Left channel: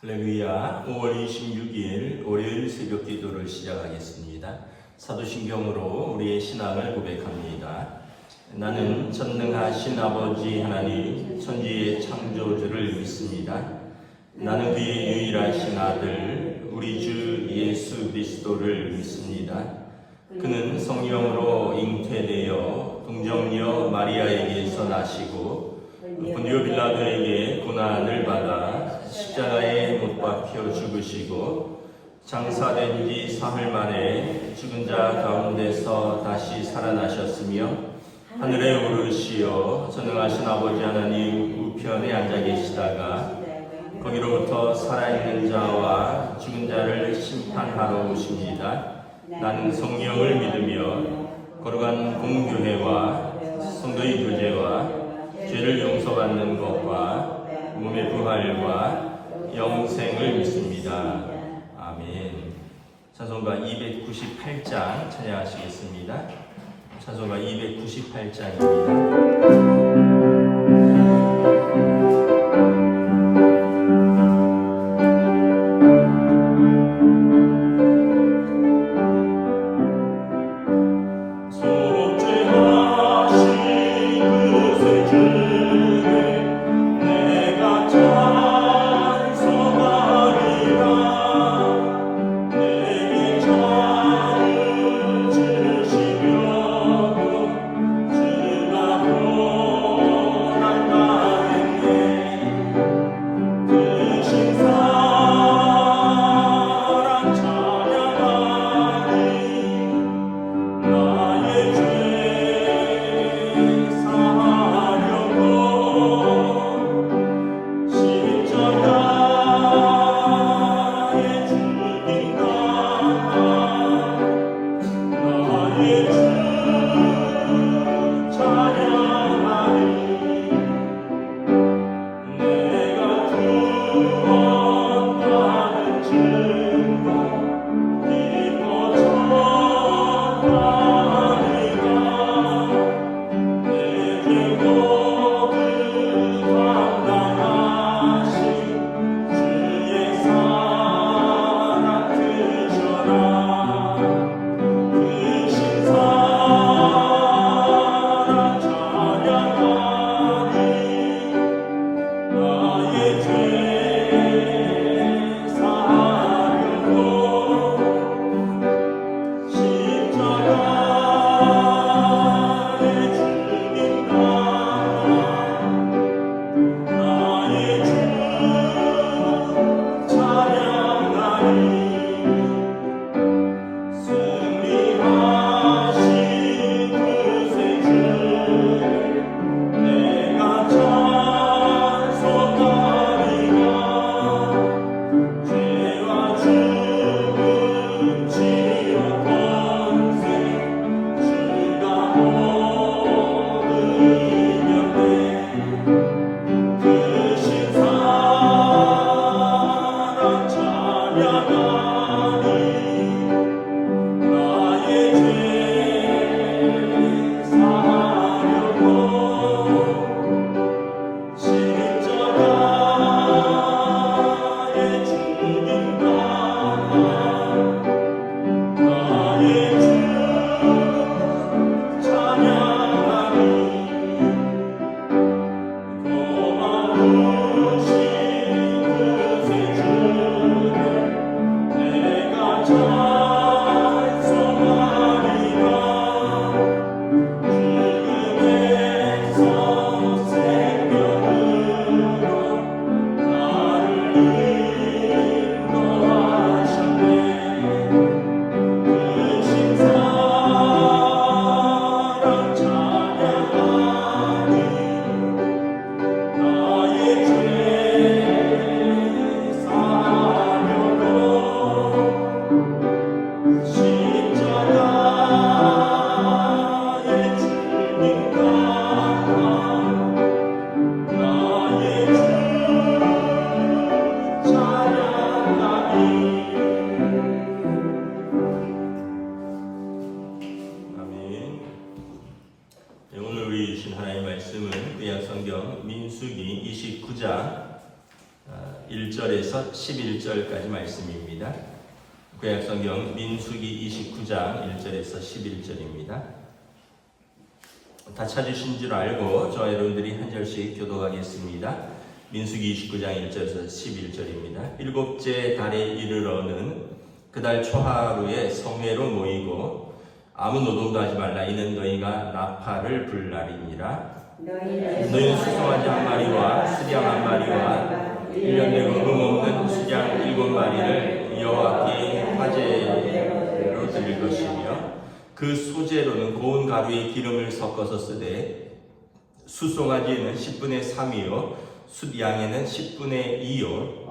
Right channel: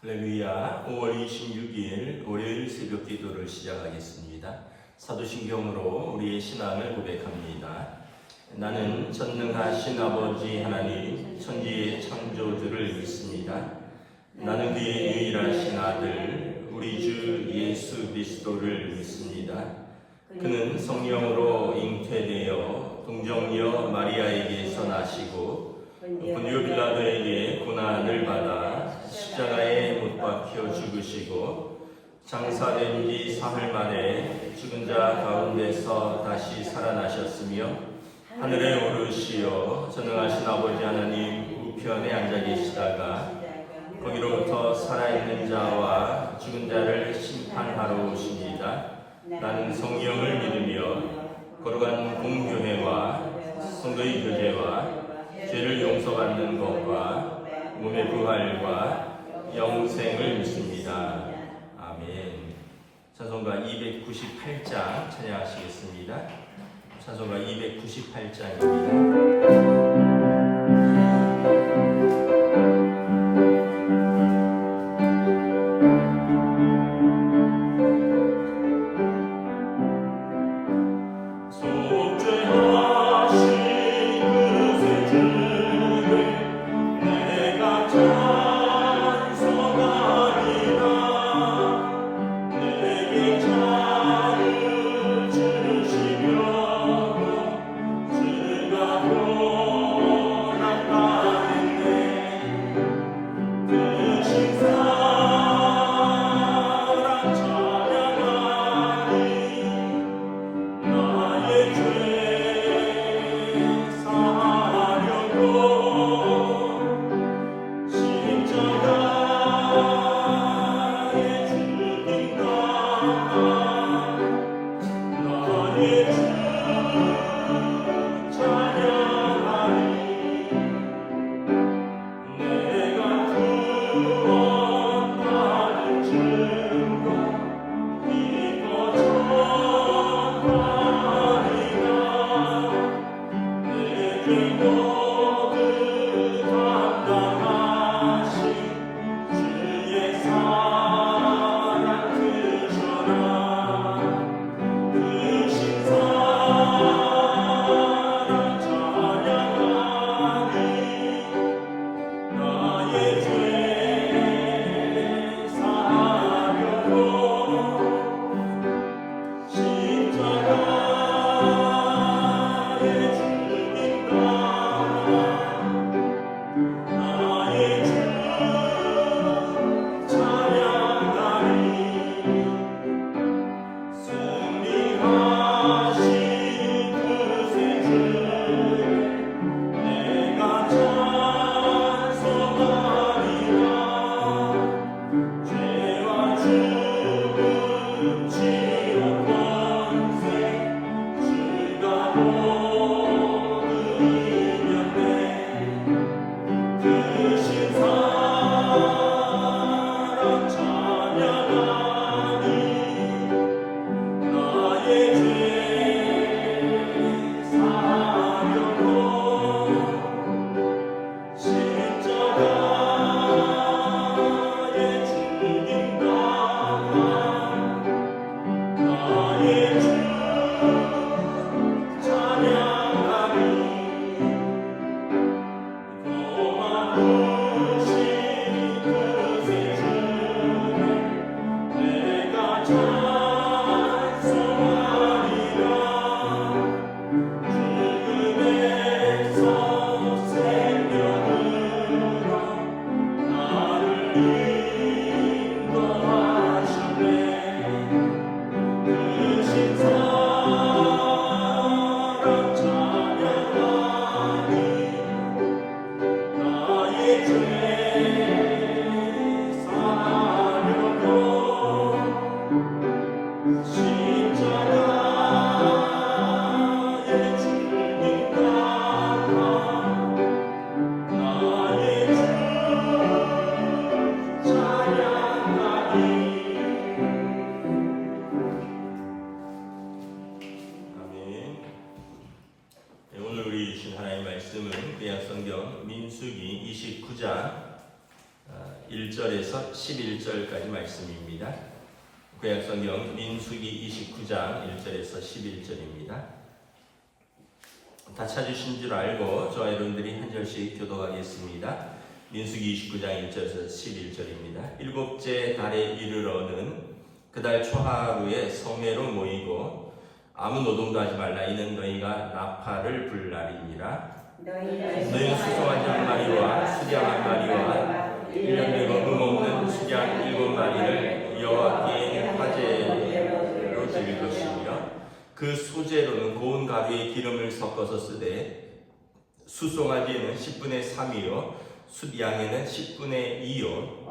할렐루야. 5월 26일 월요일 새벽 기도를 시작하겠습니다. 사도신경으로 우리의 신앙을 고백합니다. 나는 전능하신 아버지 하나님 천지의 창조주를 믿습니다. 나는 그의 유일하신 아들 우리 주 예수 그리스도를 믿습니다. 그는 성령으로 잉태되어 동정녀 마리아에게서 나시고 본디오 빌라도에게 고난을 받아 십자가에 못 박혀 죽으시고 장사된 지 사흘 만에 죽은 자 가운데서 다시 살아나셨으며 하늘에 오르시어 전능하신 아버지 하나님 우편에 앉아 계시다가 거기로부터 살아있는 자와 죽은 자를 심판하러 오십니다. 나는 성령을 믿으며 거룩한 공교회와 성도의 교제와 죄를 용서받는 것과 몸의 부활과 영생을 믿습니다. 아멘. 찬송가 298장 찬양하시겠습니다. 찬송가 298장입니다. 1절에서 11절까지 말씀입니다. 구약성경 민수기 29장 1절에서 11절입니다. 다 찾으신 줄 알고 저와 여러분들이 한 절씩 교독하겠습니다. 민수기 29장 1절에서 11절입니다. 일곱째 달에 이르러는 그달 초하루에 성회로 모이고 아무 노동도 하지 말라. 이는 너희가 나팔을 불 날이니라. 너희는 수송아지 한 마리와 수량 한 마리와 1년 되고 없는 수량 7마리를 여호와께 화제로 드릴 것이며 그 소재로는 고운 가루에 기름을 섞어서 쓰되 수송아지에는 10분의 3이요 숫양에는 10분의 2요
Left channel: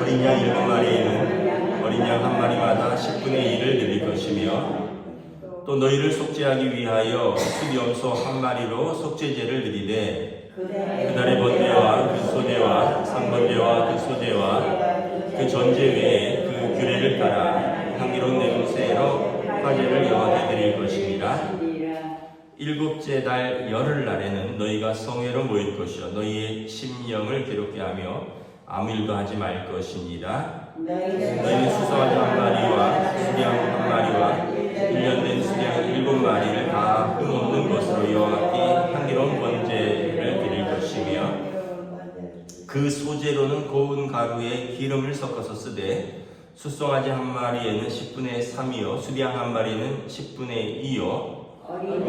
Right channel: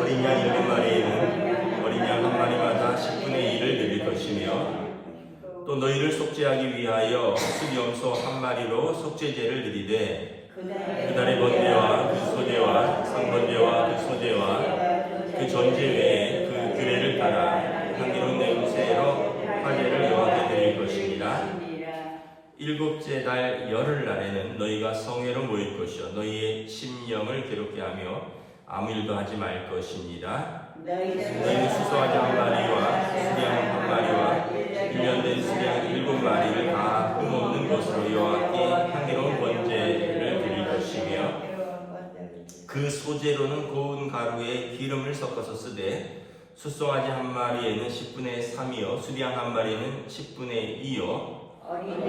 어린 양 7마리에는 어린 양 한 마리마다 10분의 1을 드릴 것이며 또 너희를 속죄하기 위하여 수염소 한 마리로 속죄제를 드리되 그달의 번제와 그 소제와 상번제와 그 소제와 그 전제 외에 그 규례를 따라 향기로운 냄새로 화제를 여호와께 드릴 것이니라. 일곱째 달 열흘날에는 너희가 성회로 모일 것이요 너희의 심령을 괴롭게 하며 아무 일도 하지 말 것이니라. 너희는 수송아지 한 마리와 수량 한 마리와 1년 된 수량 7마리를 다 흠없는 것으로 여호와께 향기로운 번제를 드릴 것이며 그 소재로는 고운 가루에 기름을 섞어서 쓰되 수송아지 한 마리에는 10분의 3이요 수량 한 마리에는 10분의 2요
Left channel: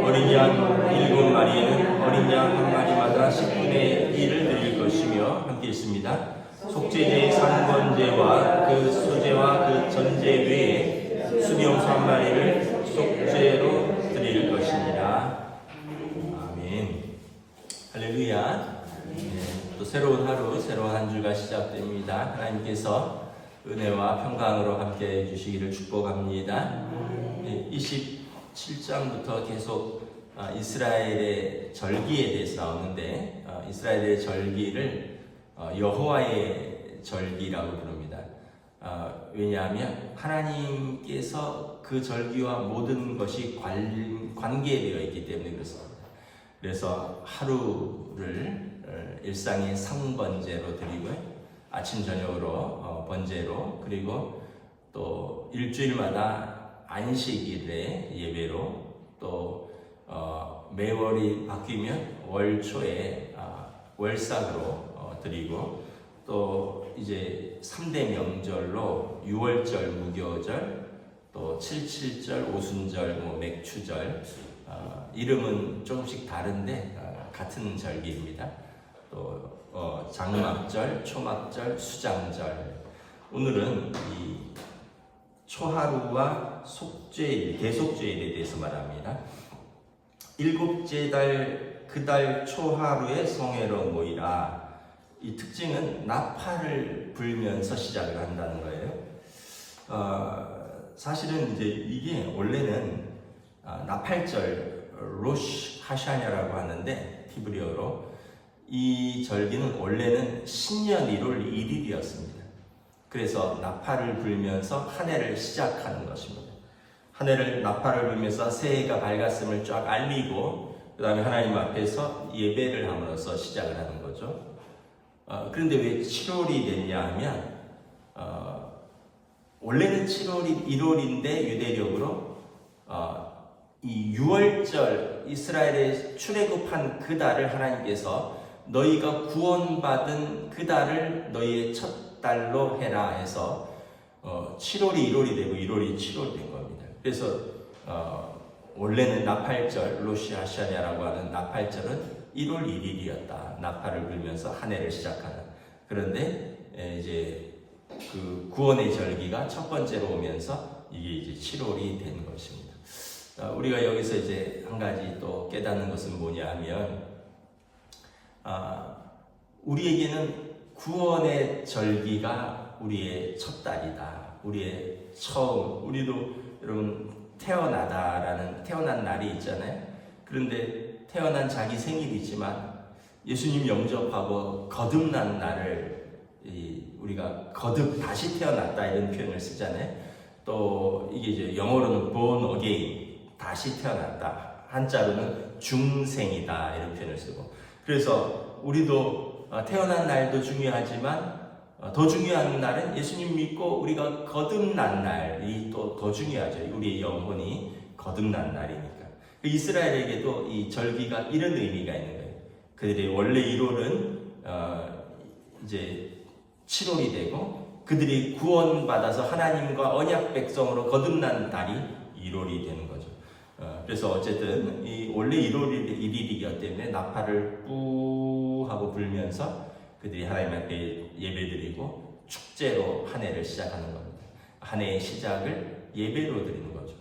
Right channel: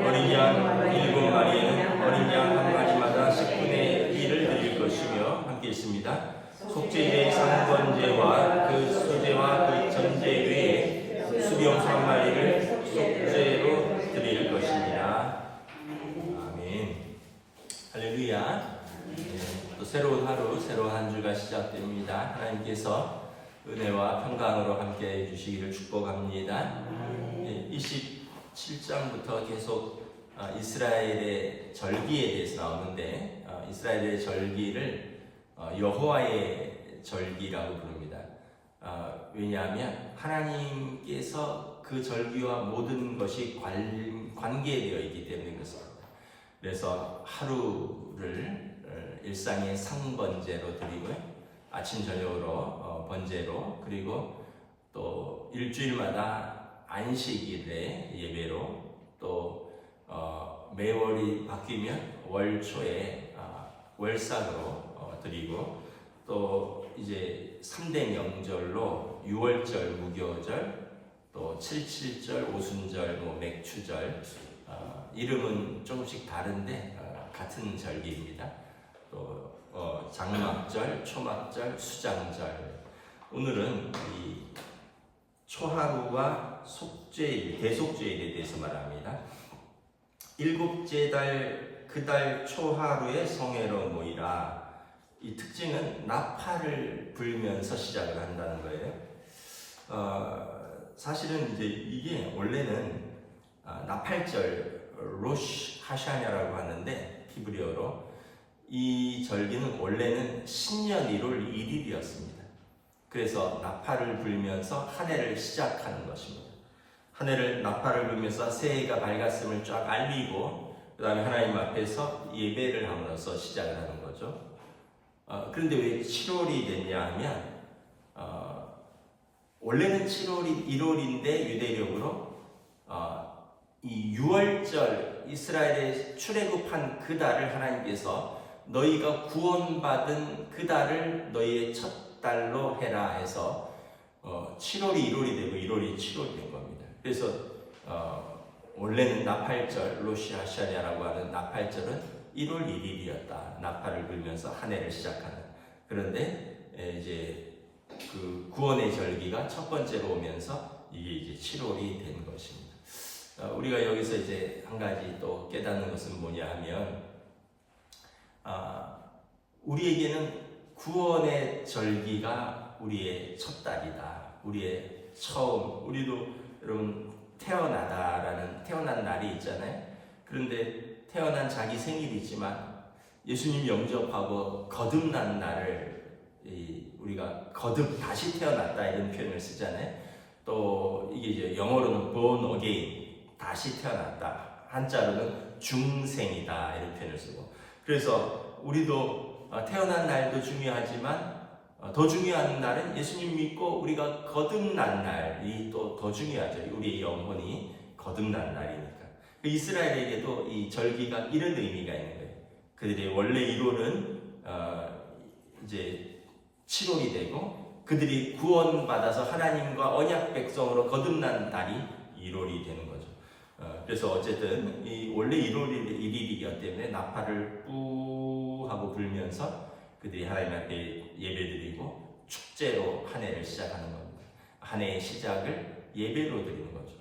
어린 양 7마리에는 어린 양 한 마리마다 10분의 1을 드릴 것이며 함께 있습니다. 속죄제의 상번제와 그 소제와 그 전제 외에 수비용소 한 마리를 속죄로 드릴 것이니라. 아멘. 할렐루야. 또 새로운 하루, 새로운 한 주가 시작됩니다. 하나님께서 은혜와 평강으로 함께 해주시기를 축복합니다. 27장부터 계속 이스라엘의 절기에 대해서 나오는데 이스라엘의 절기를 여호와의 절기라고 부릅니다. 왜냐하면 하나님께서 그 절기와 모든 것이 관계되어 있기 때문에 그렇습니다. 그래서 하루를 일상의 상번제로 드리고 아침 저녁으로 번제로 그리고 또 일주일마다 안식일에 예배로 또 매월이 바뀌면 월초에 월삭으로 드리고 또 이제 3대 명절로 6월절 무교절 또 77절 오순절 맥추절 이름은 조금씩 다른데 같은 절기입니다. 또 장막절 초막절 수장절 오늘은 이 초하루와 속죄일 대속죄일에 대해서 말합니다. 일곱째 달 그 달 초하루에 성회로 모이라. 이 특징은 나팔을 불면서 시작을 한다는 거예요. 사실은 이제 이게 원래는 나팔절 로시 하샤냐라고 하는데 히브리어로 이 절기는 원래는 신년 1월 1일이었습니다. 그래서 나팔을 불면서 한 해를 시작하는 것입니다. 한 해를 나팔을 불면서 새해가 밝았음을 쫙 알리고 그 다음에 하나님 앞에서 예배를 함으로써 시작을 하는 거죠. 그런데 왜 7월이 됐냐 하면 원래는 7월이 1월인데 유대력으로 이 6월절 이스라엘의 출애굽한 그 달을 하나님께서 너희가 구원받은 그 달을 너희의 첫 달로 해라 해서 7월이 1월이 되고 1월이 7월이 된 겁니다. 그래서 원래는 나팔절 로시하샤냐라고 하는 나팔절은 1월 1일이었다. 나팔을 불면서 한 해를 시작하는. 그런데 이제 그 구원의 절기가 첫 번째로 오면서 이게 이제 7월이 된 것입니다. 우리가 여기서 이제 한 가지 또 깨닫는 것은 뭐냐 하면 우리에게는 구원의 절기가 우리의 첫 달이다. 우리의 처음. 우리도 여러분 태어난 날이 있잖아요. 그런데 태어난 자기 생일이지만 예수님 영접하고 거듭난 날을 우리가 거듭 다시 태어났다 이런 표현을 쓰잖아요. 또 이게 이제 영어로는 born again 다시 태어났다. 한자로는 중생이다 이런 표현을 쓰고. 그래서 우리도 태어난 날도 중요하지만 더 중요한 날은 예수님 믿고 우리가 거듭난 날이 또 더 중요하죠. 우리의 영혼이 거듭난 날이니까. 이스라엘에게도 이 절기가 이런 의미가 있는 거예요. 그들의 원래 1월은 이제 7월이 되고 그들이 구원받아서 하나님과 언약 백성으로 거듭난 날이 1월이 되는 거죠. 그래서 어쨌든 이 원래 1월 1일이기 때문에 나팔을 뿌 하고 불면서 그들이 하나님 앞에 예배드리고 축제로 한 해를 시작하는 겁니다. 한 해의 시작을 예배로 드리는 거죠.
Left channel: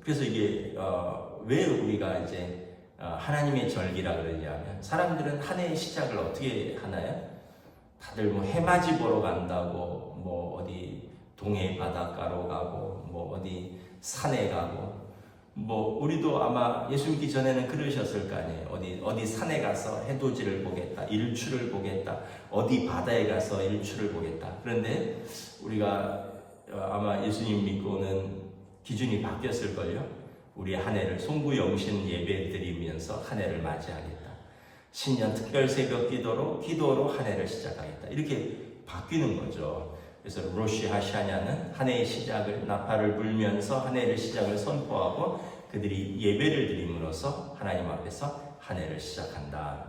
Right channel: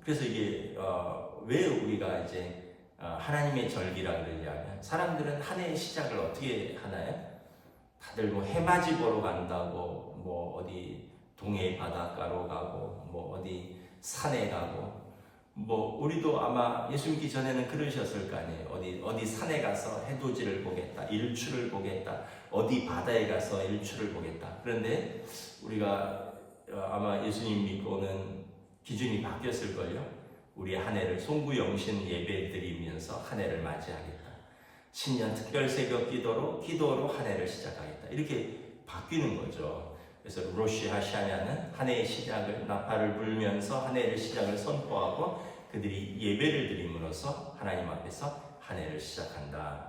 그래서 이게 왜 우리가 이제 하나님의 절기라 그러냐면 사람들은 한 해의 시작을 어떻게 하나요? 다들 뭐 해맞이 보러 간다고 뭐 어디 동해 바닷가로 가고 뭐 어디 산에 가고 뭐 우리도 아마 예수 믿기 전에는 그러셨을 거 아니에요. 어디 산에 가서 해돋이를 보겠다, 일출을 보겠다, 어디 바다에 가서 일출을 보겠다. 그런데 우리가 아마 예수님 믿고는 기준이 바뀌었을걸요. 우리 한 해를 송구영신 예배 드리면서 한 해를 맞이하겠다. 신년 특별 새벽 기도로 한 해를 시작하겠다. 이렇게 바뀌는 거죠. 그래서 로시 하샤냐는 한 해의 시작을 나팔을 불면서 한 해를 시작을 선포하고 그들이 예배를 드림으로써 하나님 앞에서 한 해를 시작한다.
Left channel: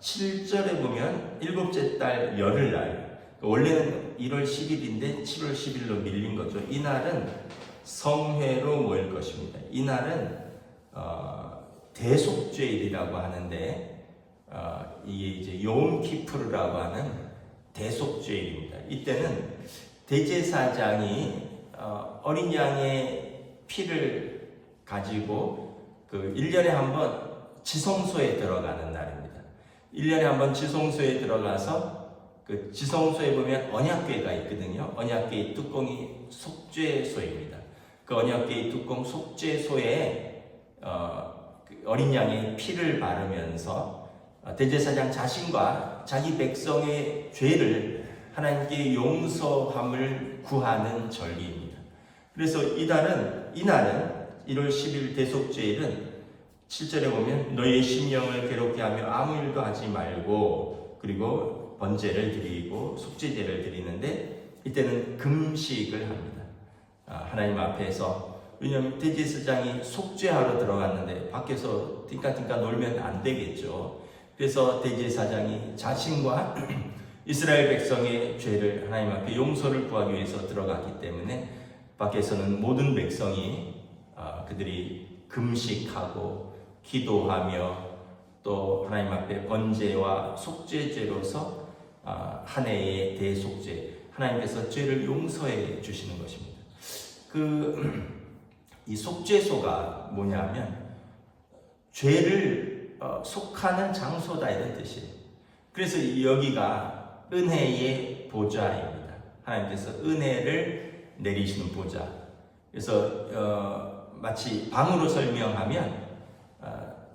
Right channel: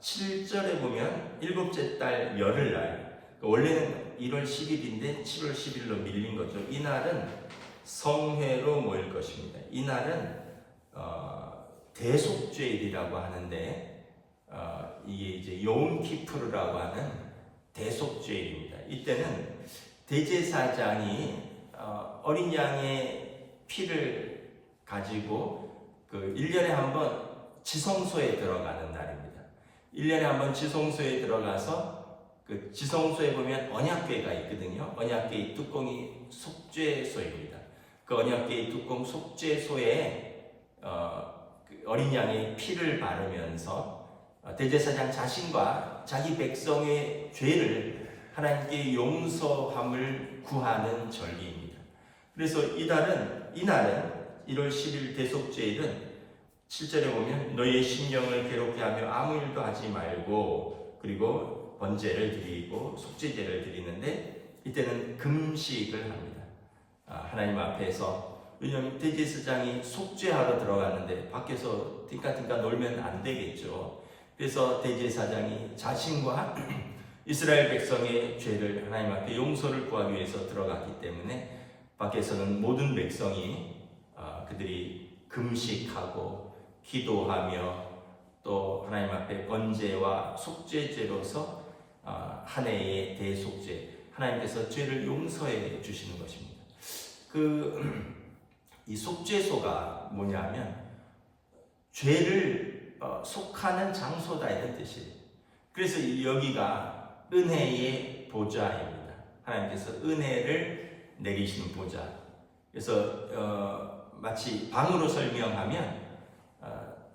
7절에 보면 일곱째 달 열흘날, 원래는 1월 10일인데 7월 10일로 밀린 거죠. 이날은 성회로 모일 것입니다. 이날은 대속죄일이라고 하는데 이게 이제 요음키푸르라고 하는 대속죄일입니다. 이때는 대제사장이 어린 양의 피를 가지고 그 1년에 한 번 지성소에 들어가는 날입니다. 1년에 한 번 지성소에 들어가서 그 지성소에 보면 언약궤가 있거든요. 언약궤의 뚜껑이 속죄소입니다. 그 언약궤의 뚜껑 속죄소에 어린 양의 피를 바르면서 대제사장 자신과 자기 백성의 죄를 하나님께 용서함을 구하는 절기입니다. 그래서 이날은 1월 10일 대속죄일은 7절에 보면 너희의 심령을 괴롭게 하며 아무 일도 하지 말고 그리고 번제를 드리고 속죄제를 드리는데 이때는 금식을 합니다. 하나님 앞에서, 왜냐하면 대제사장이 속죄하러 들어갔는데 밖에서 띵까띵까 놀면 안 되겠죠. 그래서 대제사장이 자신과 이스라엘 백성의 죄를 하나님 앞에 용서를 구하기 위해서 들어갔기 때문에 밖에서는 모든 백성이 그들이 금식하고 기도하며 또 하나님 앞에 번제와 속죄제로서 한 해의 대속죄, 하나님께서 죄를 용서해 주시는 것입니다. 이 속죄소가 뭐냐면 죄를 속하는 장소다 이런 뜻이에요. 그래서 여기가 은혜의 보좌입니다. 하나님께서 은혜를 내리시는 보좌. 그래서 마치 방으로 설명하면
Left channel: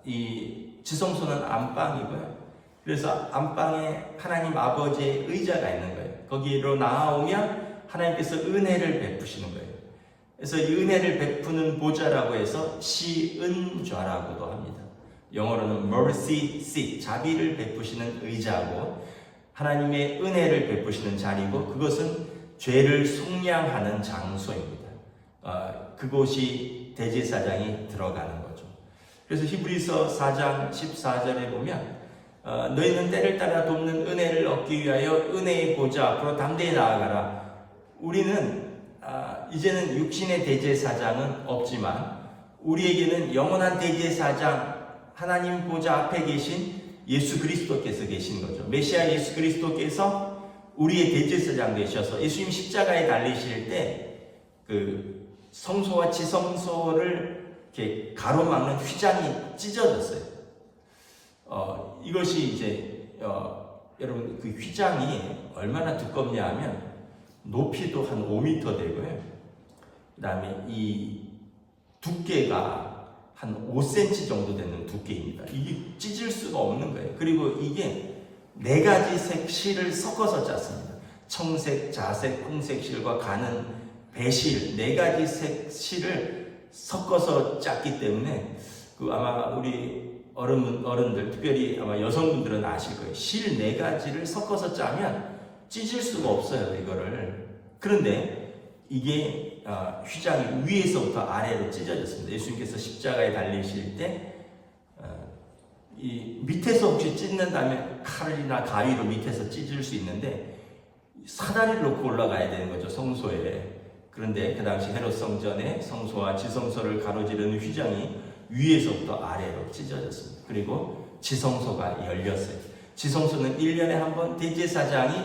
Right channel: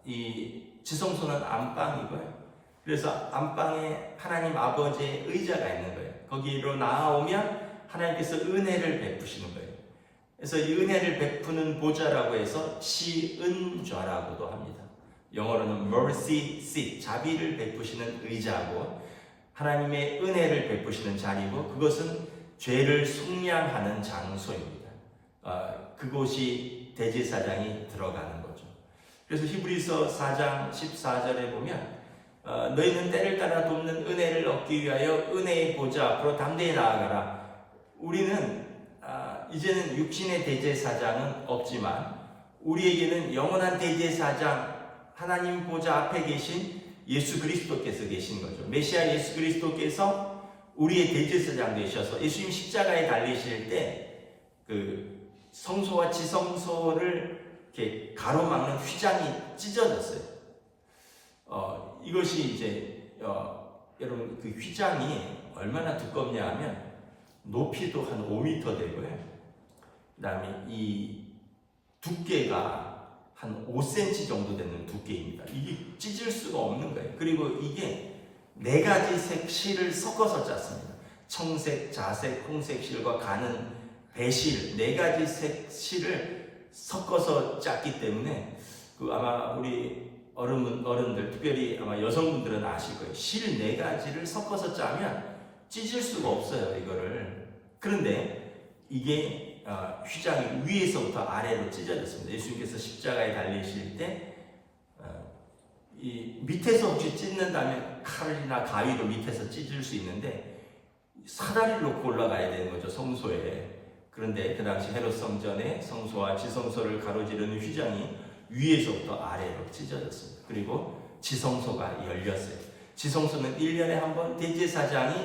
이 지성소는 안방이고요. 그래서 안방에 하나님 아버지의 의자가 있는 거예요. 거기로 나아오면 하나님께서 은혜를 베푸시는 거예요. 그래서 이 은혜를 베푸는 보좌라고 해서 시은좌라고도 합니다. 영어로는 mercy seat, 자비를 베푸시는 의자고 하나님의 은혜를 베푸시는 자리고 그것은 죄를 속량하는 장소입니다. 그곳이 대제사장이 들어가는 거죠. 그래서 히브리서 4장 14절에 보면 너희는 때를 따라 돕는 은혜를 얻기 위하여 은혜의 보좌 앞으로 담대히 나아가라. 우리는 이제는 육신의 대제사장은 없지만 우리에게는 영원한 대제사장 하나님 보좌 앞에 계신 예수 그리스도께서 계신 거죠. 메시아 예수 그리스도께서 우리의 대제사장 되셔서 예수님 십자가에 달리실 때 그 성소와 지성소를 이렇게 가로막는 휘장이 찢어졌어요. 이것이 이제 여러분 그 휘장이 얼마나 두껍냐 하면 높이도 한 5m 되고요. 그 다음에 이 두께가 한 5cm 정도 되는 두께입니다. 이게 찢을 수가 없는 거예요. 그리고 이게 4가지 색 실을 섞어서 짰습니다. 청색, 자색, 홍색 실과 가는 배실 4가지 색 실을 섞어서 짰기 때문에 아마 우리 어른들, 특별히 아마 여성분들은 아실 거예요. 실 4가지를 섞어서 짜면 찢을 수가 없어요, 이거를. 그런데 이게 휘장이 위에서부터 아래로 찢어졌습니다. 예수님께서 십자가에 달리실 때 이 밑에서 혹시 찢는다면 칼이나 가위로 밑에서 찢을 수 있는데 사다리를 놓고 올라가야 되는 거죠, 성소에. 그런데 그 당시 헤롯 성전에 성소와 지성소를 가로지르는 휘장이 위에서부터 아래로 찢어졌습니다. 그리고 지성소가 열렸어요. 지성소는 1년에 한 번 대제사장이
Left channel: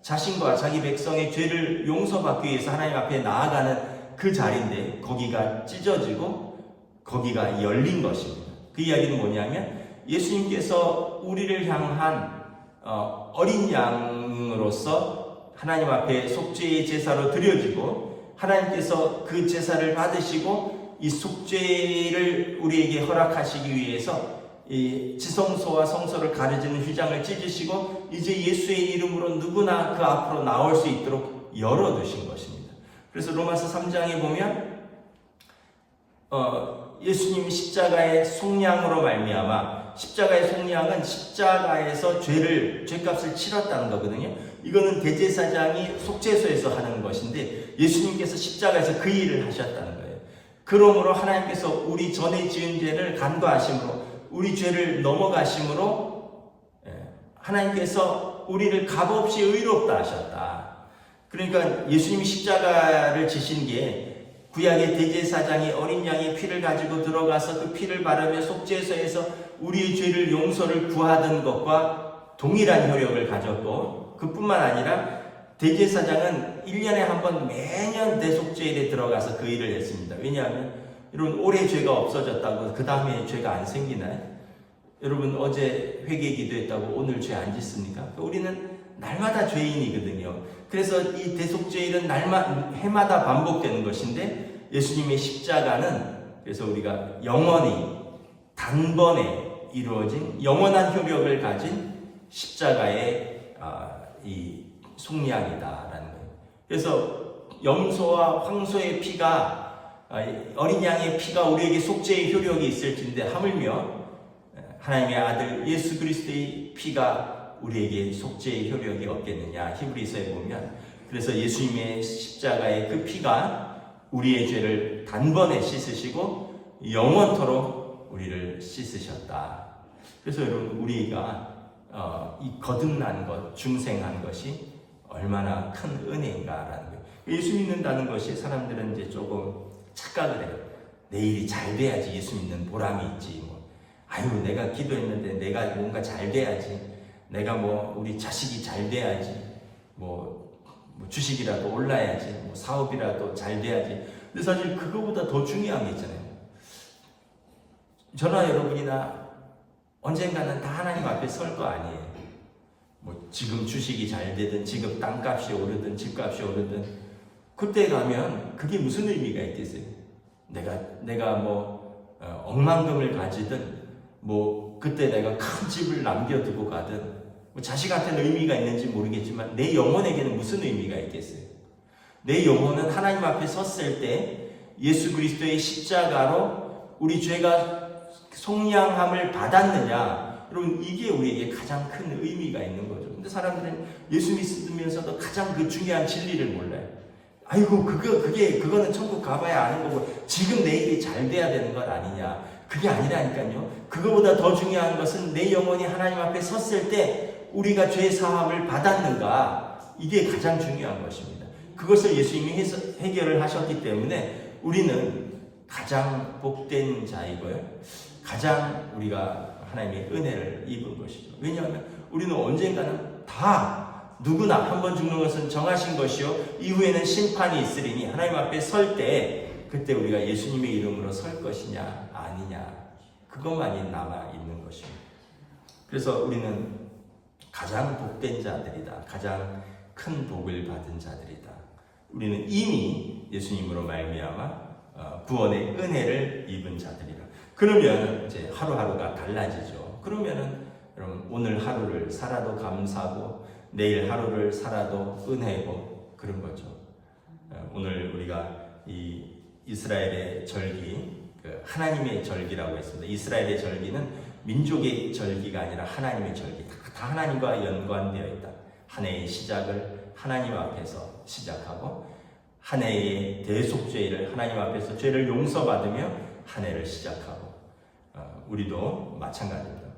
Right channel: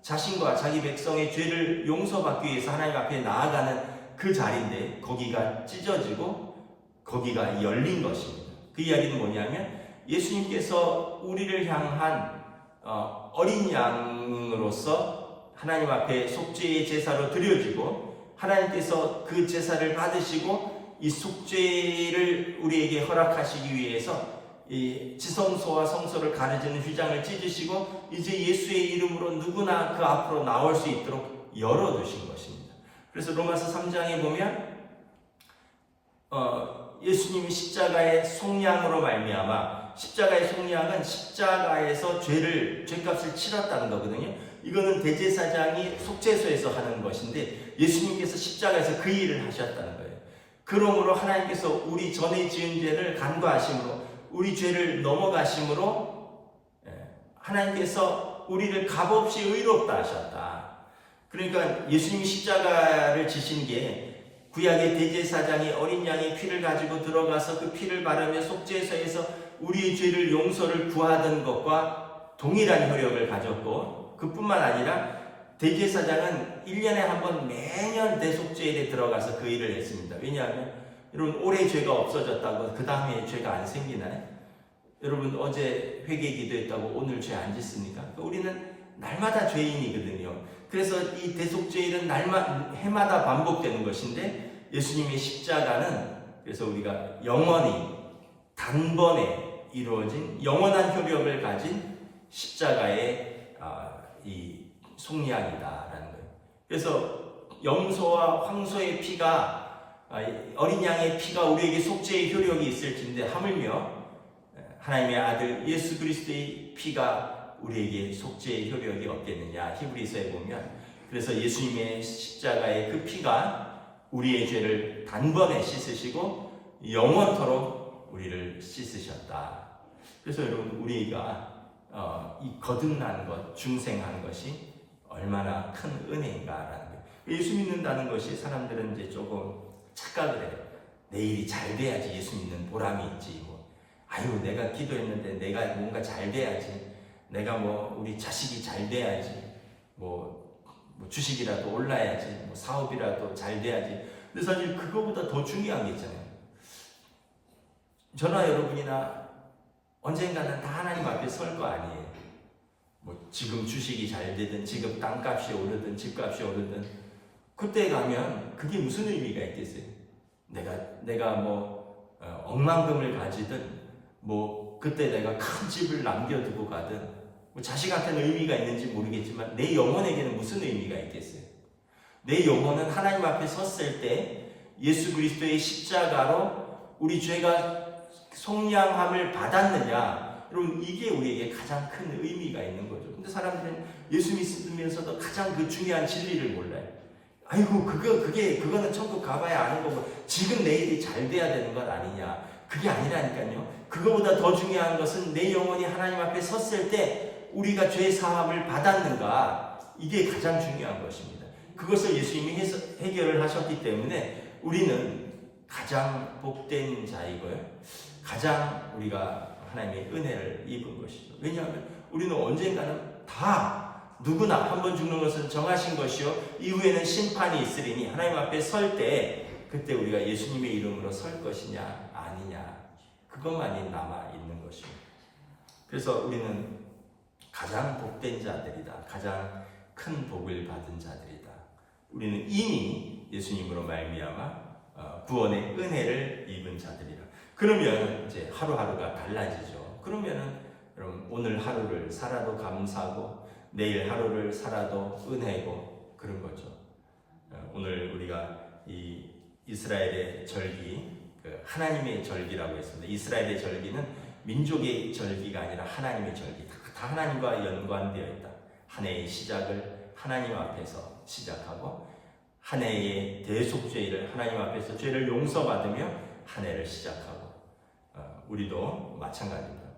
자신과 자기 백성의 죄를 용서받기 위해서 하나님 앞에 나아가는 그 자리인데 거기가 찢어지고 거기가 열린 것입니다. 그 이야기는 뭐냐면 예수님께서 우리를 향한 어린 양으로서 하나님 앞에 속죄의 제사로 드려지고 하나님께서 그 제사를 받으시고 이 속죄를 우리에게 허락하시기 위해서 이 지성소와 성소를 가르치는 휘장을 찢으시고 이제 예수의 이름으로 누구나 그 앞으로 나올 수 있도록 열어두신 것입니다. 그래서 로마서 3장에 보면 예수님이 십자가의 속량으로 말미암아 십자가의 속량은 십자가에서 죄값을 치렀다는 거거든요. 이거는 대제사장이 속죄소에서 하는 것인데 예수님께서 십자가에서 그 일을 하셨다는 거예요. 그러므로 하나님께서 우리 전에 지은 죄를 간과하심으로 우리 죄를 넘어가심으로 하나님께서 우리를 값없이 의롭다 하셨다. 그러니까 예수님이 십자가를 지신 게 구약의 대제사장이 어린 양의 피를 가지고 들어가서 그 피를 바르며 속죄소에서 우리의 죄를 용서를 구하던 것과 동일한 효력을 가졌고 그뿐만 아니라 대제사장은 1년에 한 번 매년 대속죄일에 들어가서 그 일을 했습니다. 왜냐하면 여러분 올해 죄가 없어졌다고 그 다음에 죄가 안 생기나요? 여러분 어제 회개 기도했다고 오늘 죄 안 짓습니까? 우리는 날마다 죄인이거든요. 그래서 이 대속죄일은 해마다 반복되는 것인데 예수님의 십자가는 그래서 우리가 영원히 단번에 이루어진 영원한 효력을 가진 십자가의 이 속량이다라는 거예요. 그래서 염소와 황소의 피가 어린 양의 피가 우리에게 속죄의 효력이 있을진데 하물며 하나님의 아들 예수 그리스도의 피가 우리에게 속죄의 효력이 없겠느냐. 히브리서에 보면 그래서 예수님의 십자가의 그 피가 우리의 죄를 단번에 씻으시고 영원토록 우리를 씻으셨다. 그래서 여러분 우리가 이 거듭난 것, 중생한 것이 얼마나 큰 은혜인가라는 거예요. 예수 믿는다는 것이 사람들은 이제 조금 착각을 해요. 내 일이 잘 돼야지 예수 믿는 보람이 있지. 아유 내가 기도했는데 내가 뭔가 잘 돼야지. 내가 우리 자식이 잘 돼야지. 주식이라도 올라야지. 사업이라도 잘 돼야지. 근데 사실 그거보다 더 중요한 게 있잖아요. 저나 여러분이나 언젠가는 다 하나님 앞에 설 거 아니에요. 지금 주식이 잘 되든 지금 땅값이 오르든 집값이 오르든 그때 가면 그게 무슨 의미가 있겠어요? 내가 억만금을 가지든 그때 내가 큰 집을 남겨두고 가든 자식한테는 의미가 있는지 모르겠지만 내 영혼에게는 무슨 의미가 있겠어요? 내 영혼은 하나님 앞에 섰을 때 예수 그리스도의 십자가로 우리 죄가 속량함을 받았느냐? 여러분 이게 우리에게 가장 큰 의미가 있는 거죠. 근데 사람들은 예수 믿으면서도 가장 그 중요한 진리를 몰라요. 아이고 그거는 천국 가봐야 아는 거고 지금 내 일이 잘 돼야 되는 것 아니냐? 그게 아니라니까요. 그거보다 더 중요한 것은 내 영혼이 하나님 앞에 섰을 때 우리가 죄 사함을 받았는가? 이게 가장 중요한 것입니다. 그것을 예수님이 해결을 하셨기 때문에 우리는 가장 복된 자이고요. 가장 우리가 하나님의 은혜를 입은 것이죠. 왜냐하면 우리는 언젠가는 다 누구나 한 번 죽는 것은 정하신 것이요 이후에는 심판이 있으리니 하나님 앞에 설 때 그때 우리가 예수님의 이름으로 설 것이냐 아니냐 그것만이 남아있는 것입니다. 그래서 우리는 가장 복된 자들이다. 가장 큰 복을 받은 자들이다. 우리는 이미 예수님으로 말미암아 구원의 은혜를 입은 자들이라. 그러면 이제 하루하루가 달라지죠. 그러면은 여러분 오늘 하루를 살아도 감사하고 내일 하루를 살아도 은혜고 그런 거죠. 오늘 우리가 이 이스라엘의 절기, 하나님의 절기라고 했습니다. 이스라엘의 절기는 민족의 절기가 아니라 하나님의 절기, 다 하나님과 연관되어 있다. 한 해의 시작을 하나님 앞에서 시작하고 한 해의 대속죄를 하나님 앞에서 죄를 용서받으며 한 해를 시작하고 우리도 마찬가지입니다.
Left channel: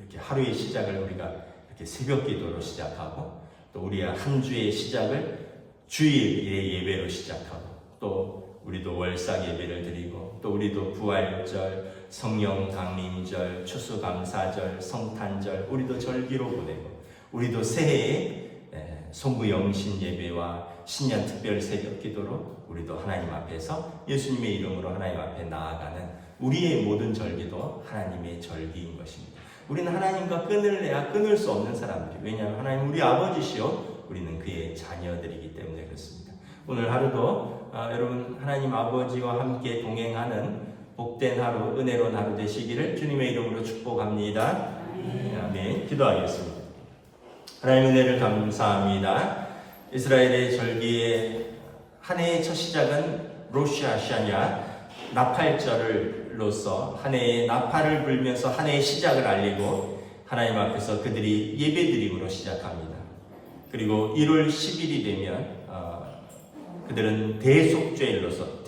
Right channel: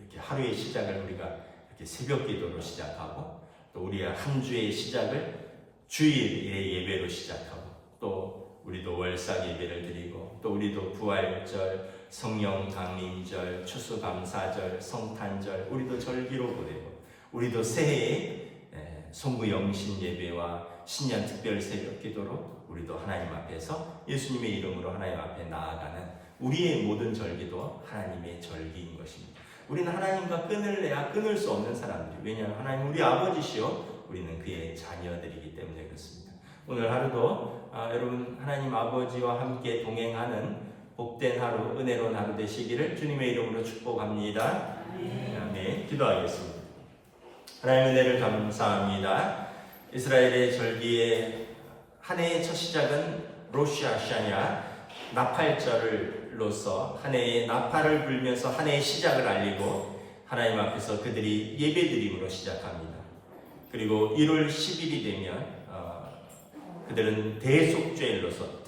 이렇게 하루의 시작을 우리가 이렇게 새벽 기도로 시작하고 또 우리의 한 주의 시작을 주일의 예배로 시작하고 또 우리도 월삭 예배를 드리고 또 우리도 부활절, 성령 강림절, 추수감사절, 성탄절 우리도 절기로 보내고 우리도 새해에 송구영신 예배와 신년 특별 새벽 기도로 우리도 하나님 앞에서 예수님의 이름으로 하나님 앞에 나아가는 우리의 모든 절기도 하나님의 절기인 것입니다. 우리는 하나님과 끈을 내야 끊을 수 없는 사람들이, 왜냐하면 하나님 우리 아버지시요 우리는 그의 자녀들이기 때문에 그렇습니다. 오늘 하루도 여러분 하나님 아버지와 함께 동행하는 복된 하루, 은혜로운 하루 되시기를 주님의 이름으로 축복합니다. 아멘. 기도하겠습니다. 하나님 은혜를 감사합니다. 이스라엘의 절기의 한 해의 첫 시작은 로시 하샤냐 나팔절로서 한 해의 나팔을 불면서 한 해의 시작을 알리고 하나님 앞에서 그들이 예배드림으로 시작합니다. 그리고 1월 10일이 되면 그들은 대속죄일로서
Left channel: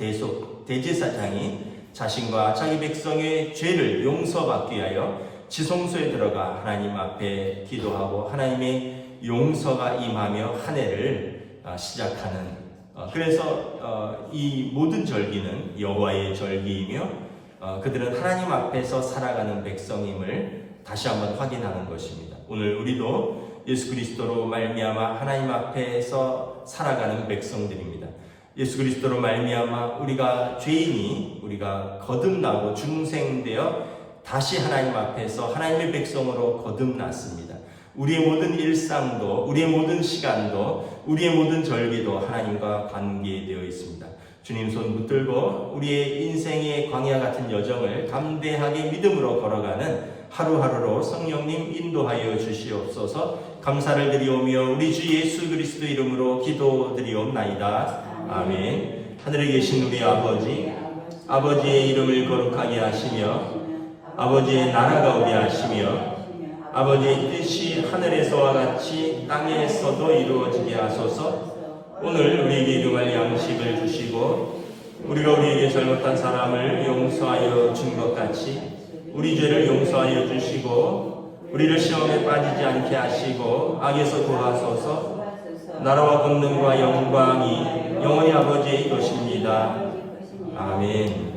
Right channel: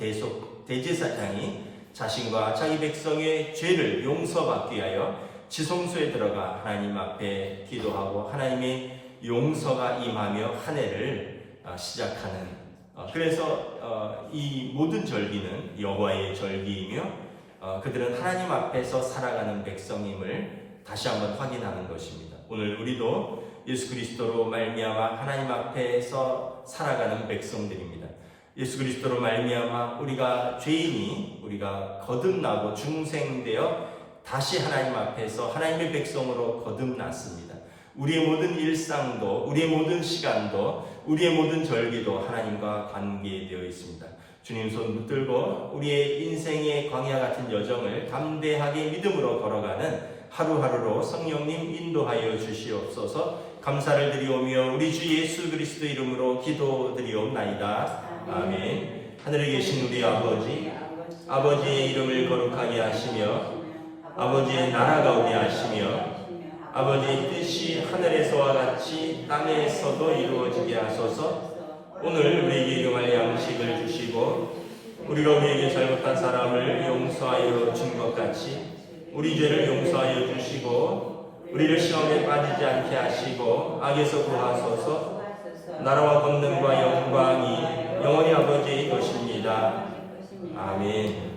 대제사장이 자신과 자기 백성의 죄를 용서받기 위하여 지성소에 들어가 하나님 앞에 기도하고 하나님의 용서가 임하며 한 해를 시작하는, 그래서 이 모든 절기는 여호와의 절기이며 그들은 하나님 앞에서 살아가는 백성임을 다시 한번 확인하는 것입니다. 오늘 우리도 예수 그리스도로 말미암아 하나님 앞에서 살아가는 백성들입니다. 예수 그리스도로 말미암아 우리가 죄인이 우리가 거듭나고 중생되어 다시 하나님 앞에서 하나님의 백성으로 거듭났습니다. 우리의 모든 일상도, 우리의 모든 시간도, 우리의 모든 절기도 하나님과 관계되어 있습니다. 주님 손 붙들고 우리의 인생의 광야 같은 여정을 담대하게 믿음으로 걸어가는 하루하루로 성령님 인도하여 주시옵소서. 감사를 드리오며 우리 주 예수 그리스도 이름으로 기도드리옵나이다. 아멘. 하늘에 계신 우리 아버지, 아버지의 이름을 거룩하게 하시며 아버지의 나라가 오게 하시며 아버지의 뜻이 하늘에서와 같이 땅에서도 이루어지게 하소서. 오늘 우리에게 일용할 양식을 주시고 우리가 우리에게 잘못한 사람을 용서하여 준 것 같이 우리 죄를 용서하여 주시고 우리를 시험에 빠지지 않게 하시고 악에서 구하소서. 나라와 권능과 영광이 영원히 아버지의 것입니다. 아멘.